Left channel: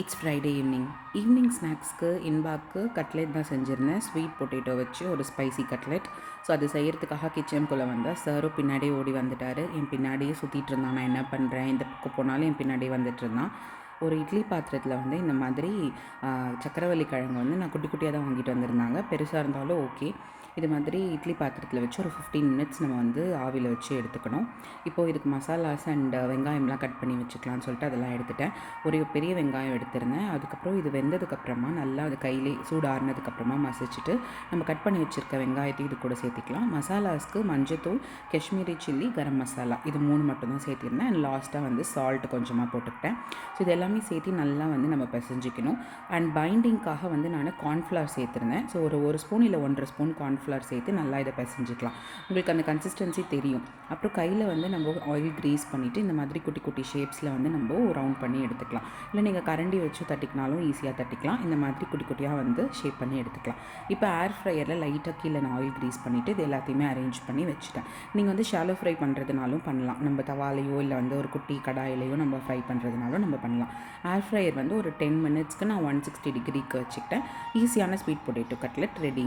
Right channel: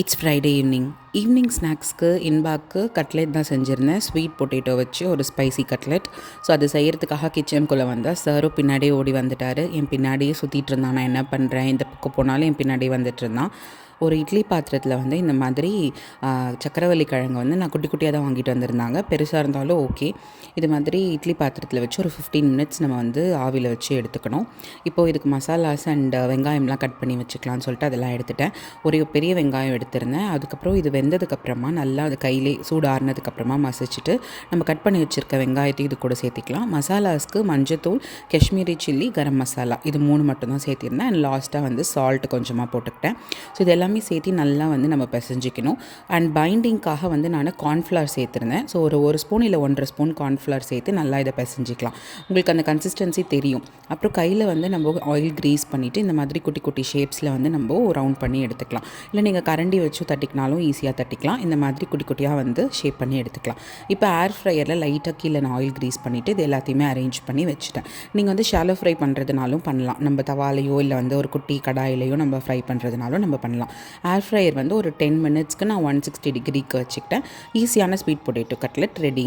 It's Friday evening ஸ்நாக்ஸ்க்கு இன்பாக்கு cutlet தான் செஞ்சுருந்தேன். Sweet potato வச்சு ஒரு ஸ்பைசி கட்லெட். ஸோ அது செய்கிறதுக்காக கிச்சனுக்குள்ளே வந்தால் சாரும் பின்னாடியே ஓடி வந்துட்டார். என் பின்னாடியே சுற்றிட்டு இருந்தான். நான் என்ன பண்ணுறேன், இந்த பக்கம் போனாலும் என் பின்னாடியே வந்துட்டு இருந்தான். ஒரு இட்லி பாத்திரத்தில் வந்து இந்த மாதிரி சக்கரவள்ளி கிழங்கு வந்து நான் குட்டி குட்டியாக தான் வாங்கிட்டு வந்திருந்தாங்க. பெருசாக இருந்தாலும் ஓகே. இது மாதிரி இட்லி பாத்திரத்தில் வச்சு ஒரு 15 மினிட்ஸ் நம்ம வந்து ஆவியில் வச்சு எடுத்துக்கணும். இப்போது இதுக்கு மசாலாஸ் அண்ட் வெங்காயம்லாம் கட் பண்ணி வச்சுக்கலாம்னு சொல்லிட்டு அதெல்லாம் எடுத்துட்டேன். ஒரு பெரிய வெங்காயம் எடுத்திருந்தேன். அதுக்கப்புறம் இது வெந்ததுக்கப்புறமா நல்லா அது கையிலே சூடு ஆறுனதுக்கப்புறமா மசிச்சுட்டு நம்ம கட் பண்ணி வச்சுருக்க வெங்காயத்தையும் இது கூட சேர்த்திக்கலாம். மசாலாஸ்க்கு மஞ்சத்தூள், காஷ்மீரி சில்லி, கரம் மசாலா இது 3 மட்டும்தான் சேர்த்திருந்தேன். அண்ட் லாஸ்ட்டாக வந்து சால்ட் கொஞ்சமாக போட்டுக்கிட்டேன். ஸோ இது எல்லாமே சேர்த்து நல்லா வந்து நம்ம பிசைஞ்சிக்கணும். அண்ட் பைண்டிங்காக வந்து நான் கார்ன்ஃப்ளவர் சேர்த்துருந்தேன். ஸோ ஒரு ஸ்பூன் இல்லை 1.5 ஸ்பூன் கார்ன்ஃப்ளவர் சேர்த்து நல்லா இதை பிசைஞ்சிக்கலாம். உங்களுக்கு அந்த கன்சிஸ்டன்சி தெரியும். அப்புறம் கையில் வந்து நம்ம ஆயில் க்ரீஸ் பண்ணிவிட்டு இந்த மாதிரி குட்டி குட்டி ஷேப்ஸில் வந்து நம்ம ரவுண்ட் பண்ணி எடுத்துக்கலாம். இல்லை நீங்கள் கரண்டி வச்சு தட்டிக்கினாலும் ஈஸியாக தட்டிக்கலாம். இந்த மாதிரி குட்டி குட்டியாக வந்து ஷேப் பண்ணி எடுத்துக்கலாம். இப்போ ஏர் ஃப்ரையரில் லைட்டாக கீழே நான் ஆயில் க்ரீஸ் பண்ணிவிட்டு இது எல்லாத்தையுமே அரேஞ்ச் பண்ணி வச்சுட்டேன். நீங்கள் வந்து ஷாலோ ஃப்ரை பண்ணுறதுனாலும் பண்ணலாம். நம்ம தவாலையோ இல்லை வந்து ஒரு குட்டி கடாயிலையோ நம்ம ஃப்ரை பண்ணுறதுனாலும் நம்ம பண்ணலாம். ஏர் ஃப்ரையர் வந்து ஒரு 10 மினிட்ஸ்க்கு நான் 160 டிகிரிக்கு வச்சுக்கிட்டேன். ஈஸியான ஸ்வீட் பொட்டேட்டோ கட்லெட் ரெடி.